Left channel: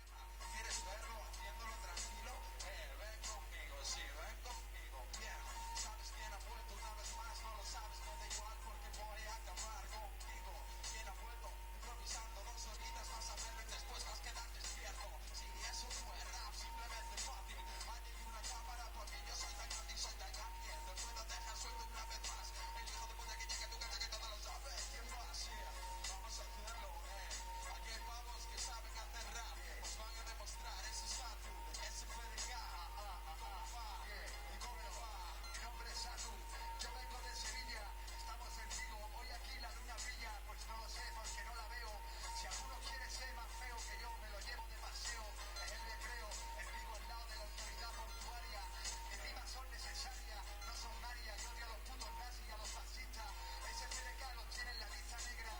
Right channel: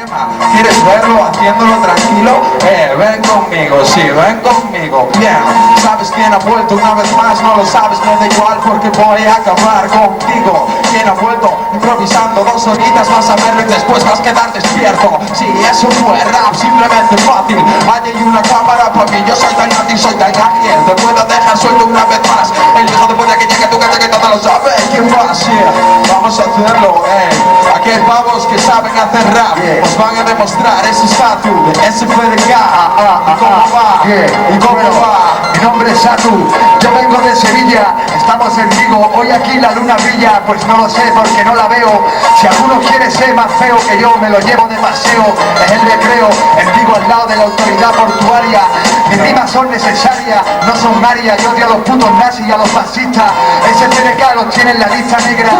¿Quieres verlo haciéndolo tranquilo? Ven conmigo, sí, ven conmigo, bien. ¿Sabes quién ha vuelto una vez más? No lo sabes, me da igual porque voy a acabar contigo. ¿Quién ha vuelto? Improvisando 2 horitas, vas a verlo y después vas a quedar despierto. Sí, eso fue rap, simplemente fácil. Allí hay una cámara para mí, yo soy tan nazi, soy tan ágil. Te puedo dejar suelto una vez más. El hijo de puta que llegue a tu casa que todo lo sabe. ¿Quién va a ser? Vamos a hacerlo, Aquí hay pavos que saben hacer rap, os van a demostrar ese estatus de SFDK. ¿Cómo va? ¿Y cómo va? Mi nombre es Satu, yo vengo de Sevilla, estamos en Vigo, hoy aquí la luna brilla, pues no lo sé porque no la veo. Si alguno quiere ser más feo que yo, me lo llevo de paseo, es el recreo, en Vigo al lado de la autoridad portuaria. Mis rimas son necesarias, no son varias, yo odio a los putos nazis y a los fascistas. SFDK los tiene en la lista negra,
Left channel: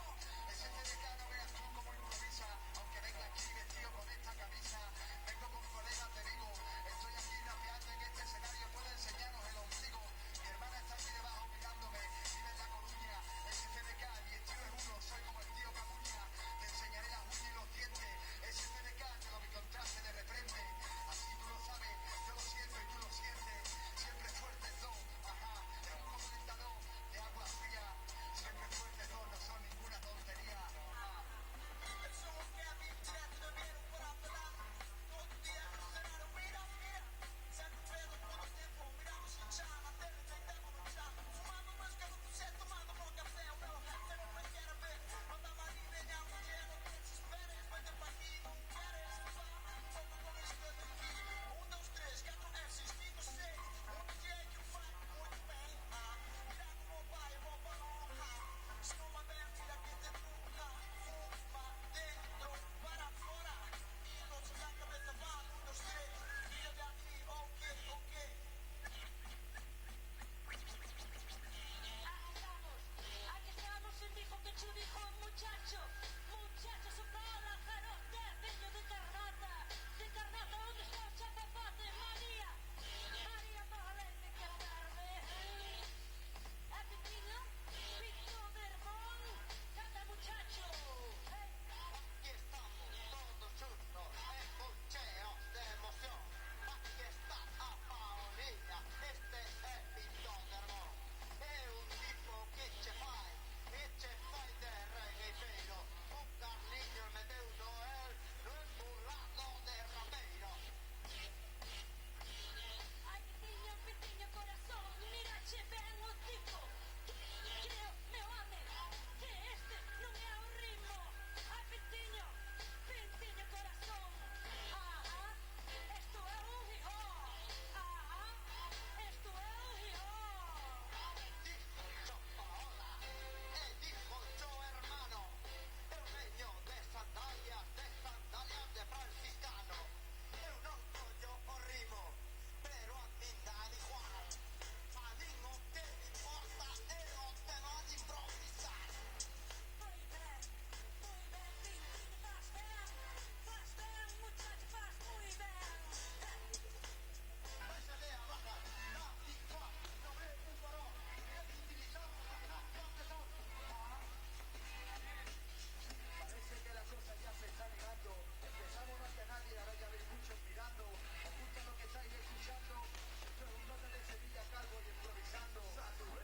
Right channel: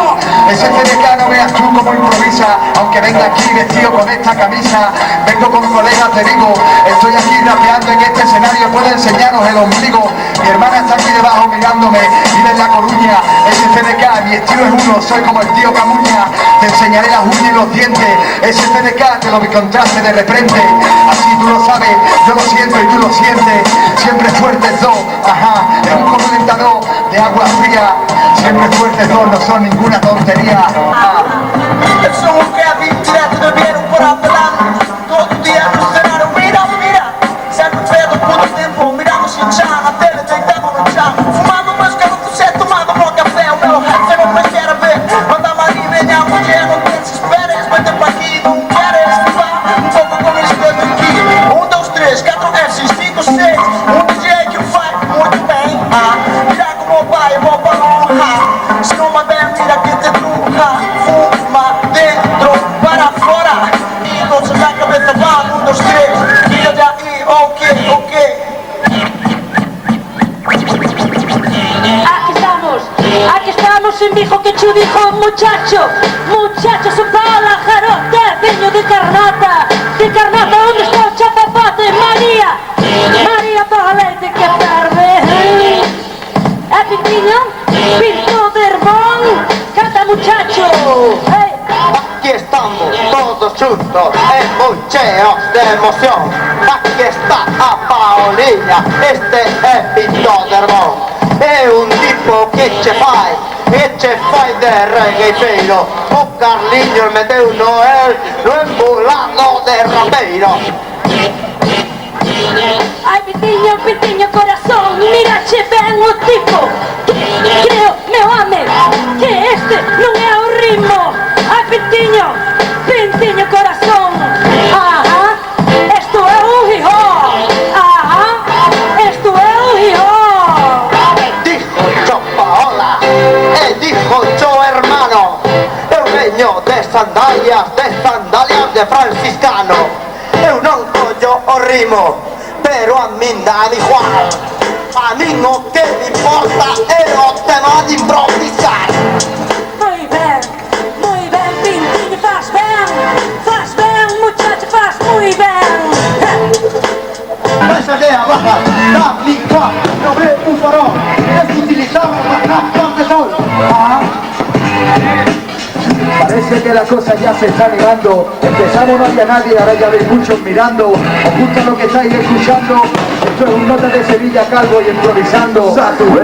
SFDK no veas tú cómo improvisa, aunque venga aquí vestido con esta camisa. Vengo con colegas de Vigo, estoy aquí rapeando en este escenario, puedo enseñaros el ombligo. Mi hermana está aquí debajo mirándome, vive en La Coruña. SFDK, mi estilo es uno, soy como el tío Camuña. Te enseñaré las uñas y los dientes, SFDK te lo encontraste de repente. Así tú lo sabes, yo lo siento y tú lo sientes. Siempre fuertes dos, ajá, es un calentador de agua fría. Siempre fuertes dos, no son ninguna tontería. Eu sou um Kevin, direto do Vieiro por Apelão. Todo dia no cenário, mira, mira. Sempre feito por tempo, mirando Xinjiang, a tele deitado no chão. Fumando música no você, tomando bom café. O meu rap não me quer ver. Manda Maria, venha, mulher, não te desesperes. Vem pra aqui, não queres levar um pouco como escrevo aqui. 1, 2, 3, 4 F's, 5, 6. DJ que faz muito bem. Mira como vai, vou para honrar. Se não mandar, mira que te truca. Fuma dentro, para fora. E entonces la cabeza va, 1, 2, 3. Mira de ahí, ok, ok. Aquí estamos en Vigo que chu dijo muchacho, muchacho su pala, jarote, peño de Carnata, ¿dónde está el chapapate? María, María Pajalete que tarde, Pintiño, Pinto de Herbón, canta muchacho, hey. Aquí estamos todos juntos, embucheos de emoción. Aquí está a Paulina, este é Pinto de Herbón. É un tipo que che fai de regueiteiro. O Carliños meteu Noel no embulado de rapeiro. Ai, Pintiño, corazón, mira che ben o tipo. Creo, meu ame, que este non é o ritmo. Ai, Pintiño, corazón. Ajá, esto é un hip-hop. Ajá, esto é un hip-hop. Dijo yo Paola, dijo yo hermano. Eu veño de sandalias de franciscano. Eu non collo o rimo, pero a min dá igual. A min o que me importa é o tema de improvisar. Muy bien, Pintiño, faz ben, muchacho, faz muy ben. Esa idea baja, da, mi, fa, no ve un farol. Es utilizado para rap de sol. Parece que la cosa ya se está negando. Empezamos, no había nadie, ahora ya veis muchos mirando. Os gusta lo que estáis escuchando. Esto es un nota de Sevilla calvo y improvisando.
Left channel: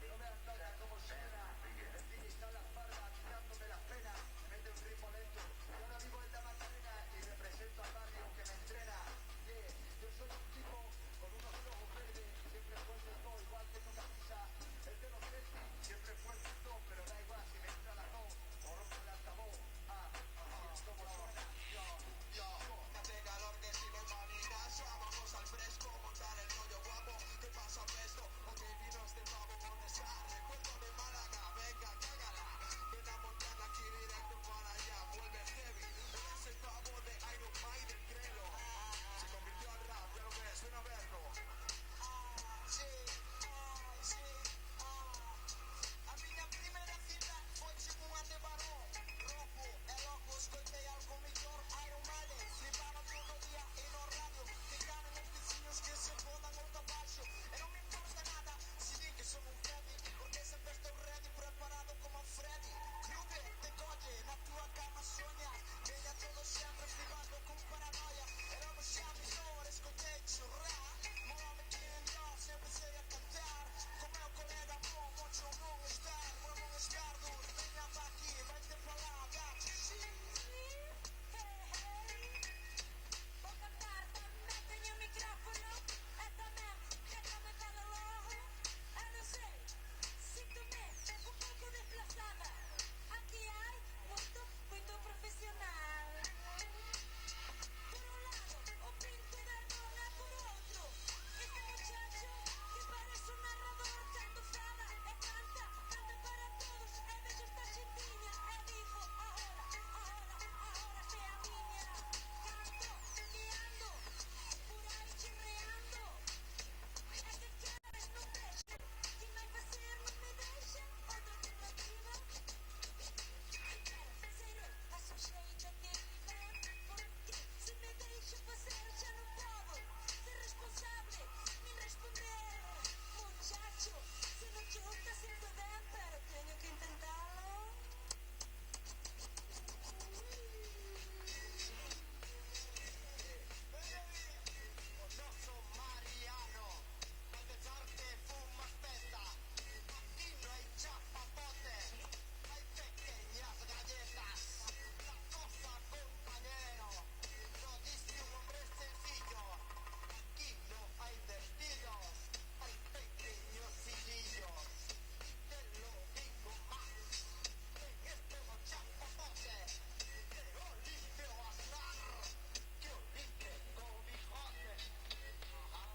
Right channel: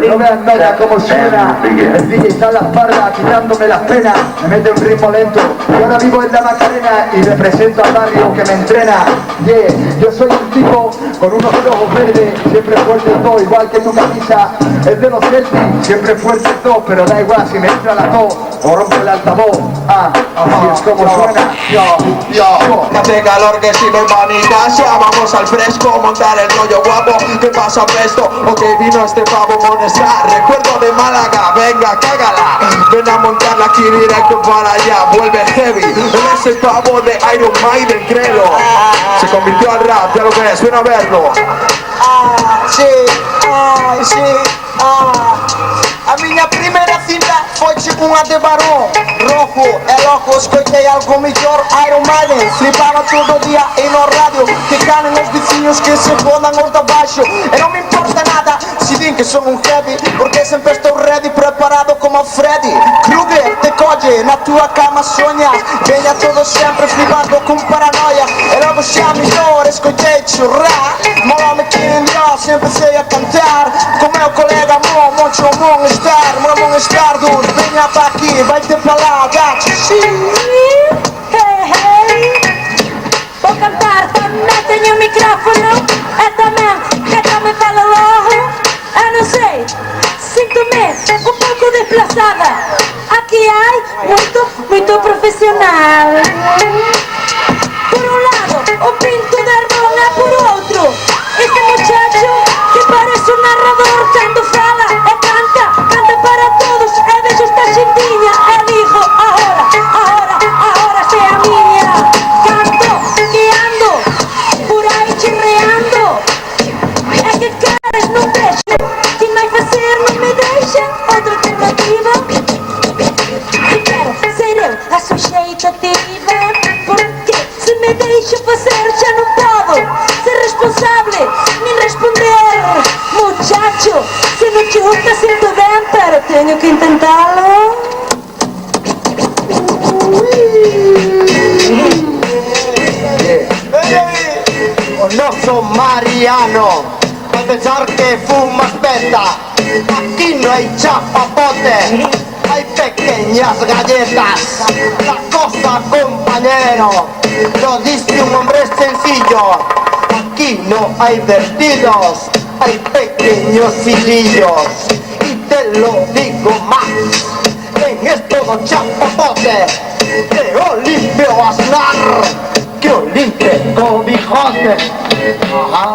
No vean nota cómo suena. El DJ está en la espalda quitándome las penas. Me mete un ritmo lento. Yo ahora vivo en la Macarena y represento al barrio que me entrena. Yeah, yo soy un tipo con unos ojos verdes, siempre fuerte todo, igual que tu camisa. Es de los Celtics, siempre fuerte todo, pero da igual si me entra la tos o rompe el altavoz. Así es como suena. Hace calor que si no va ni casa. Vamos al fresco, montar el rollo guapo. ¿Qué pasa presto? Ok, vino este pavo Monesar. Recuerdo de Málaga, venga, cágala. Ven a montarla aquí directo para allá. Vuelve heavy, él es el pavo de Iron Maiden, créelo. Se convirtió al rap, ya lo ves, ven a verlo. Sí, A minha primeira cinta foi tipo uma de Barão. Rojo, é louco, escutei algo melhor. Iron Maiden, flipava todo dia e no rádio. Que canem os vizinhos que se fodam os de baixo. E não me importa nada se dizem que sou um heavy, porque sempre estou ready, preparado como Freddy Krueger, de Koji. noite na tua cama sonhas. Venha todo sempre flipando com paranoia. E logo xa mellor escoitei churrar. Mola-me que en Dios sempre sei a cantar. Com meu colega Mon, Moncho Monestar. Mon Monestar duro, venha pa aquí, vai-te pa lá, gato. Hey, hey. Vou cantar, também tenho o micrófono. É também, que também fala logo. Eu não sei, sinto-me um pouco desplazada. Aqui há muito profissional. Por um lado, o pinto da irmã, por outro, este muchacho que parece um narrador quando fala e canta para todos. E vejo esta xindiña e digo, ahora sei a miña. Canto, guiando, por aí chirreando. É que queres, non deixe, que máis facer non me deixen. Outra alternativa, e quero ser eu a suxeitativa. Porque se me deixo facer xa non podo ser responsable nin responder. Muchacho, se non te gusta sinto ben, pero teño que intentalo. No soy Mariano, a pesar que fuma aspetta. Aquí no hay chapapote, hay pequeñas galletas. La cosa, compañero, lo dice un hombre sencillo. Aquí no hay vertidos, hay pequeños hilillos. Y te lo digo más, en esto chapapote de Olimpio Aznar, que Olimpio con bigote. Ajá.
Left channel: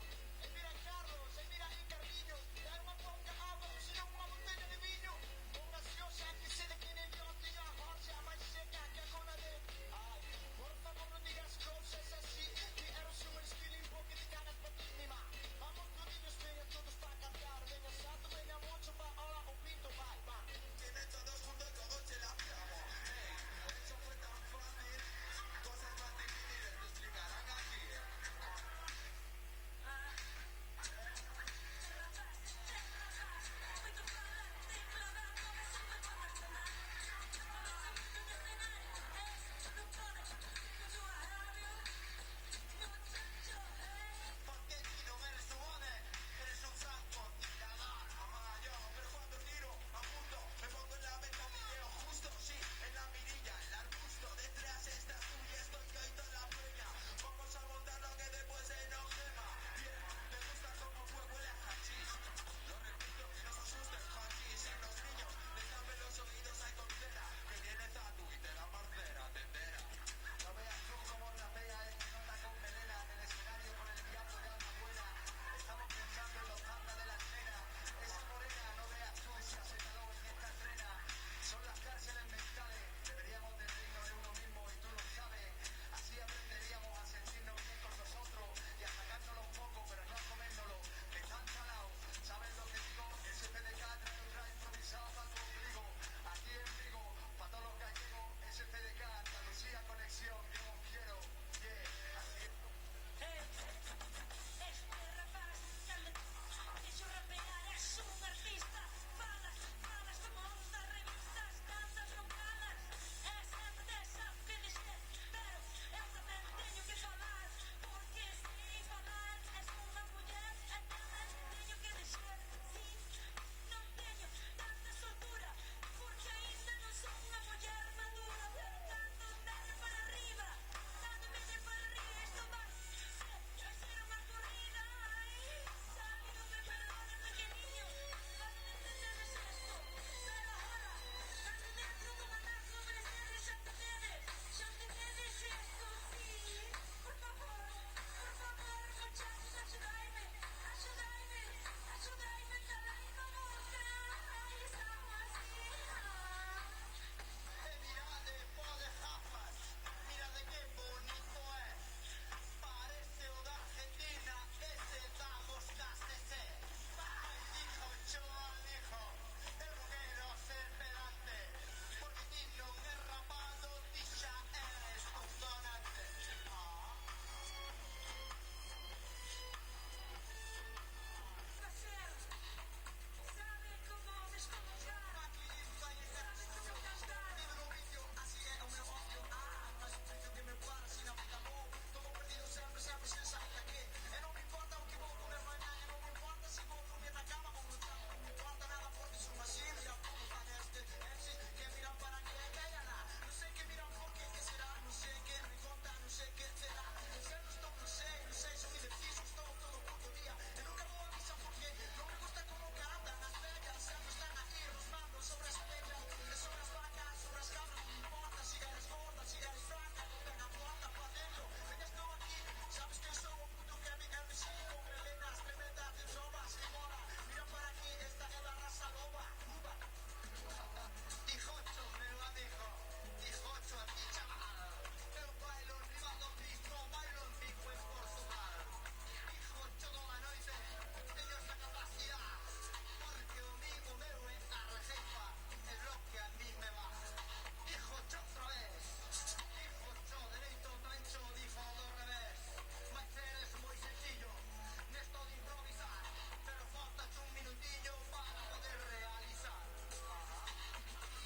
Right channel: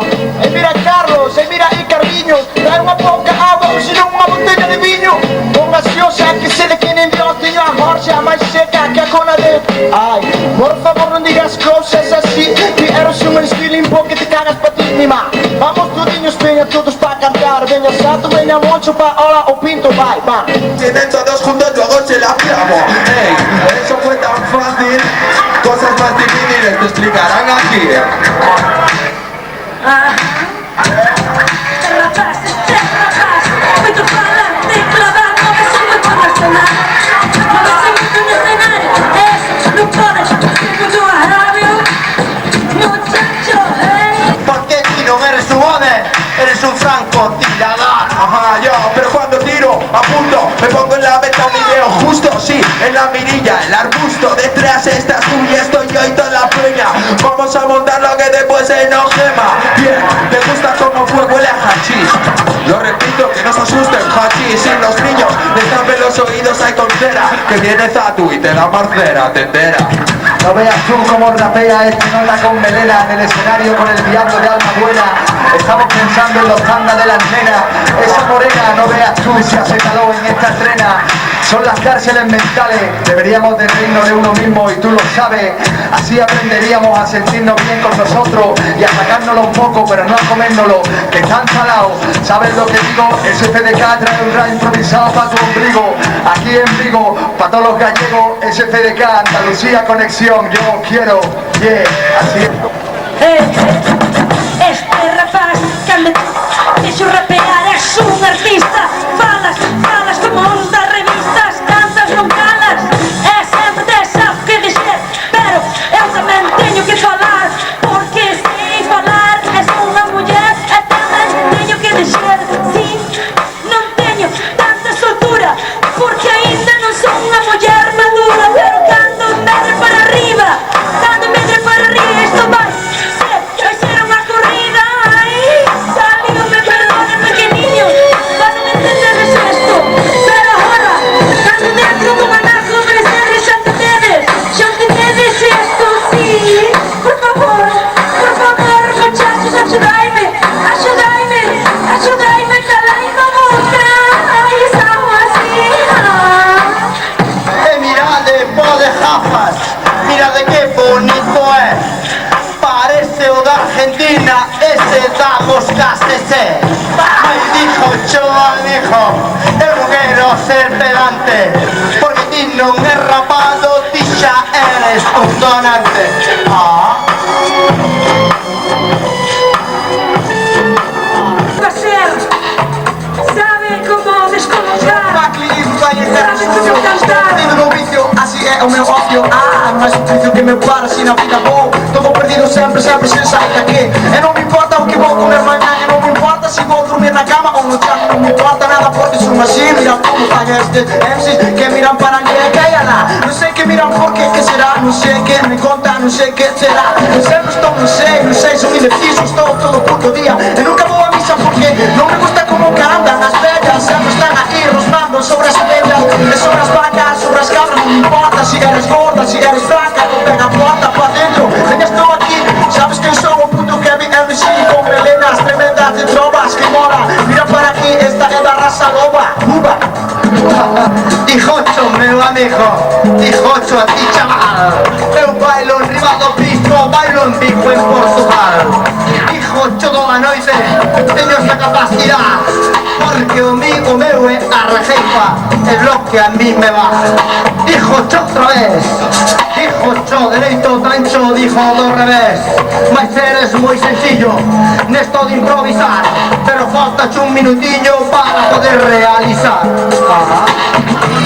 Mira Carlos, mira aí Carlinhos, trae uma pouca água, ou senão uma botella de vinho. Com gaseosa que se le quede en Dios, tenho a gorja mais seca que a cola de... Ai, por favor não digas coisas assim, que eres um espelho porque te cagas para ti misma. Vamos tudinhos, venha todos para cantar, venha Sato, venha Moncho, pa hola o Pinto, vai, va. Tienen todos juntos, luego se la clavo. Ey, eso fue tan fácil. Cosas más difíciles te explicarán aquí. Rapaz, muito falante, clavando, que se me pode acionar. Mover-se muito no cenário, eso não pode ser muito agravio. Muchacho, hey. Porque ti non eres un home, eres un francotirador. Ajá, yo, pero cuando tiro, apunto, me pongo en la meta un video justo, sí, en la mirilla, el arbusto, detrás estás tú y estoy yo y toda la peña. Vamos a montar lo que después se nos quema. Bien, te gusta como fuego huele a hachís. Lo repito, que no se asusten, hachís, sin los niños, les tapen los oídos, hay con cera, que viene Zatu y te da marcera, te entera. No veas tú cómo rapea este nota con melena en el escenario con el diablo de alma buena. Estamos pensando en los tandas de las nenas. Esa morena, no veas tú, se hace calor en esta estrena. Son las cárceles mentales, deberíamos de reírnos de uno mismo y tú lo sabes. Así aprenderíamos a sentirnos bien con nosotros y a sacárnoslo un poco, pero no a comérnoslo, que están salados. ¿Sabes lo que digo? SFDK trae un rap improvisado para tu ombligo. Aquí en Vigo, para todos los gallegos, SFDK, Andalucía Conexión, yo quiero, yeah, así es. Este rapaz cando deixo rapear es un artista. Falas como os das revistas, cantas non calas. É sempre desa que dizer, pero eu tamén teño que falar. Porque sei falar, es unha muller e tamén teño que dizer. Si, non teño tanta soltura, porque ainda non son unha muller madura. Pero cando medre para arriba, isto vai ser unha corrida. Ai, salíome, perdone, pequeniño, para non entendedes esto. Pero agora, cando dentro do manaco ofrecerles xa entendedes esto, sí. Por favor, muchachos, axudaime, calaime a boca. Ai, estamos así. Mirade, pode jafas, mirade que bonito é. Parece o da Argentina, ese da Moscasese. Ai, dijo Choa, dijo, eu non quero ser pedante, porque ti non é rapado, ti xa eres un donante. Sabe como descolocar, Sabe como cantar. o meu ócio. Mais difícil que meu par, assim na vida vou. Todo perdido sempre, sempre sem sair daqui. E não me importa o que vou comer amanhã. E não me importa se vou dormir na cama ou no chão. Não me importa nada porque sou assim. Mira como faz estes MCs que miram para ninguém caia lá. Não sei que miram porque que será. Não sei que me conta, não sei que será. Eu sempre estou, não sei, sou indeciso. Estou todo puto dia e nunca vou a missa porque não me gusta como que andam as velhas. Sempre estão aí rosnando sobre as abelhas e sobre as vacas, sobre as cabras. Não me importa se eres gorda, se eres fraca. Tu pega a porta para dentro, eu estou aqui. Sabes que eu sou o puto Kevin MC com melenas tremendas de trovas que mola. Mira para aqui, esta é da raça loba. Uba. Dijocho, meu amigo, dijocho a ti, chaval. Eu bailo en riba do piso, bailo en Vigo, en Portugal. Dijocho toda noite, teño esa capacidad. Porque o meu é a rejeifa, é lo que a mí me va. Dijocho outra vez, dijocho dereito, tancho, dijo do revés. Mas eres moi sencillo, nesto de improvisar, pero faltache un minutiño para poder realizar.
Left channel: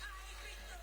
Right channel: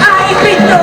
¡Ay, Pito!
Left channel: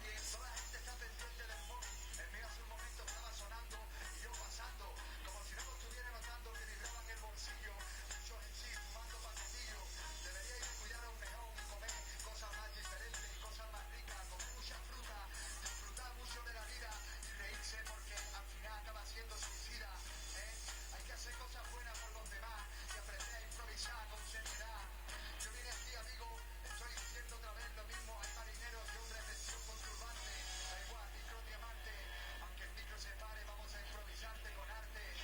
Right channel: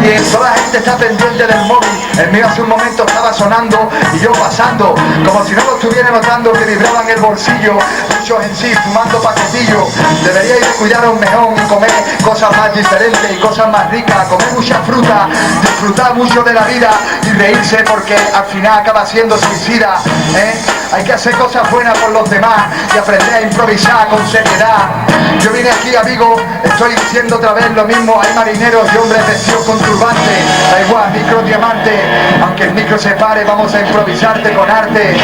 Bien, toda la gente está pendiente del móvil. El mío hace un momento estaba sonando y yo pasando, como si no lo estuviera notando, que vibraba en el bolsillo. Muchos en sí fumando paquetillos. Deberíais de cuidaros mejor y comer cosas más diferentes y cosas más ricas, comer mucha fruta, disfrutar mucho de la vida y reírse porque al final acaba siendo suicida, ¿eh? Hay que hacer cosas buenas por los demás y aprender a improvisar con seriedad. Yo vine aquí, amigo, estoy diciendo otra vez lo mismo. Hay marineros y hombres vestidos con turbante. Da igual, micro diamante. Aunque el micro se pare, vamos a improvisarte con arte.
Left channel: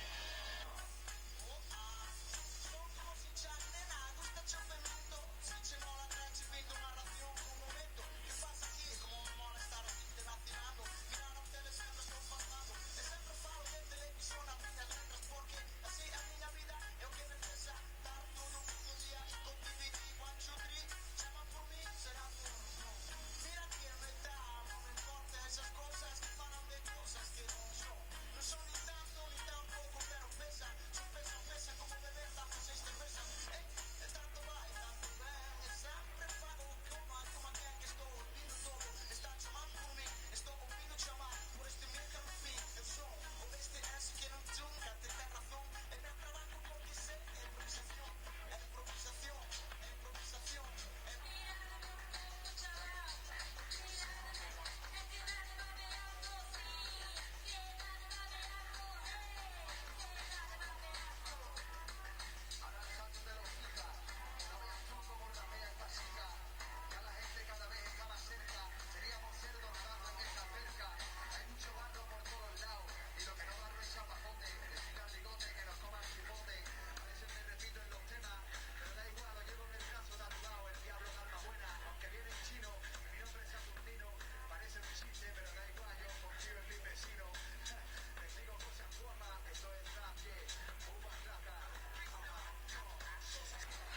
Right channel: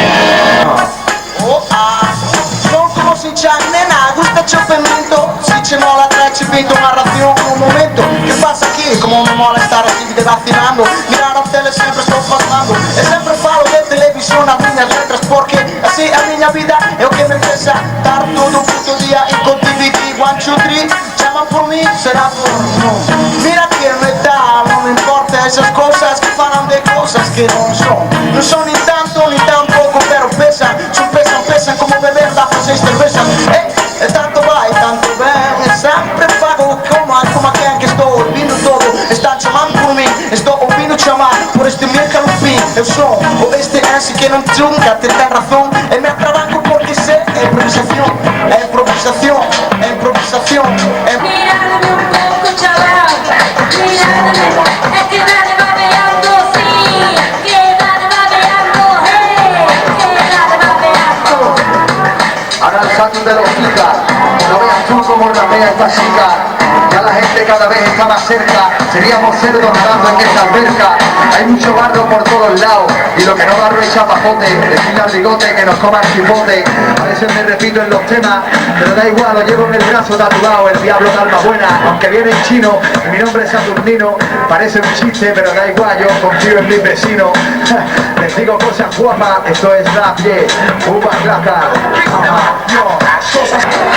Non como si c'è nena, gusta c'è pimento. Si c'è mola tre ci pinto una razione un momento. ¿Qué pasa aquí? Como me mola estar así vacilando. Mirar a tele sempre estou pasando. E sempre falo de televisión a minhas letras porque así a minha vida é o que me pesa. Dar todo puto día en continuity. 1, 2, 3, llaman por mí, será por no. Mira que me da, no me importa esas cosas que falan de cosas que non son. Non son ni tanto ni tan poco, pero pesan. Son pesan como beber da 6 cervezas. E tanto vai, tanto ben. E sempre pago como a quem que estou ouvindo todo. Están chamando por mim, estou ouvindo chamar por este meu calupim. Eu sou o este esse que não nunca te tem razão. E me trabalho porque sei é improvisação, é improvisação, é improvisação. Mírame un poco, chaval, mírame, es que nadie va veando, sí, que nadie va veando, hey, que nadie va veando. Ahora el salto de los chicas, no veas tú como rapea esta chica. Ya la gente cada vez está más cerca, seríamos cerdos nadando en esta alberca. Hay mucho barro por todos lados y lo que no barro es chapapote. Decirle al bigote que nos coma el chipote. A veces me repito en los temas, pero da igual, lo llevo en el brazo tatuado, el diablo de alma buena. Aunque viene en chino y mi nombre es Saturnino, parece un chiste, pero da igual, yo confío en mis vecinos. Les digo cosas guapas, esto es rap, yeah, uva placa.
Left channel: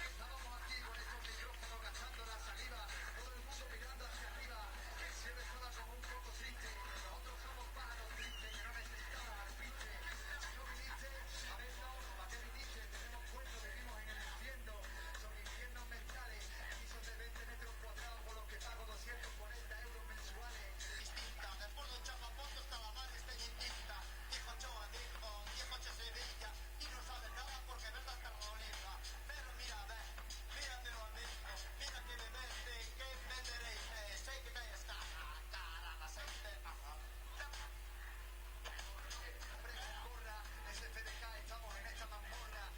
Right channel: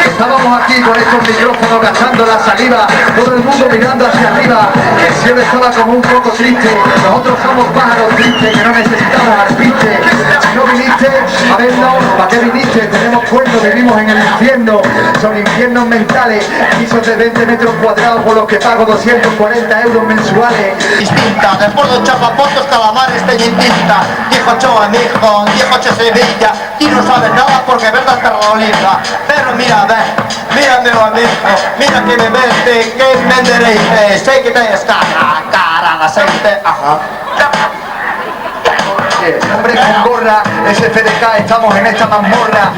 Estábamos aquí con estos micrófonos gastando la saliva, todo el mundo mirando hacia arriba. El cielo estaba como un poco triste. Nosotros somos pájaros tristes que no necesitamos arpiste. Si no viniste a vernos, ¿para qué viniste? Tenemos cuernos, vivimos en el infierno. Son infiernos mentales, pisos de 20 metros cuadrados por los que pago 240 euros mensuales. Distinta, después de chapapotos calamares de distinta. Dijo Choa, mijo, dijo Che Sevilla. Y no sabes nada porque verdad te rolita. Pero mira, mira meu amigo, mira que me veste, que me endereite. Sei que tens cara de aceite, ajá. Hombre con gorra, SFDK, estamos en esta mazmorra.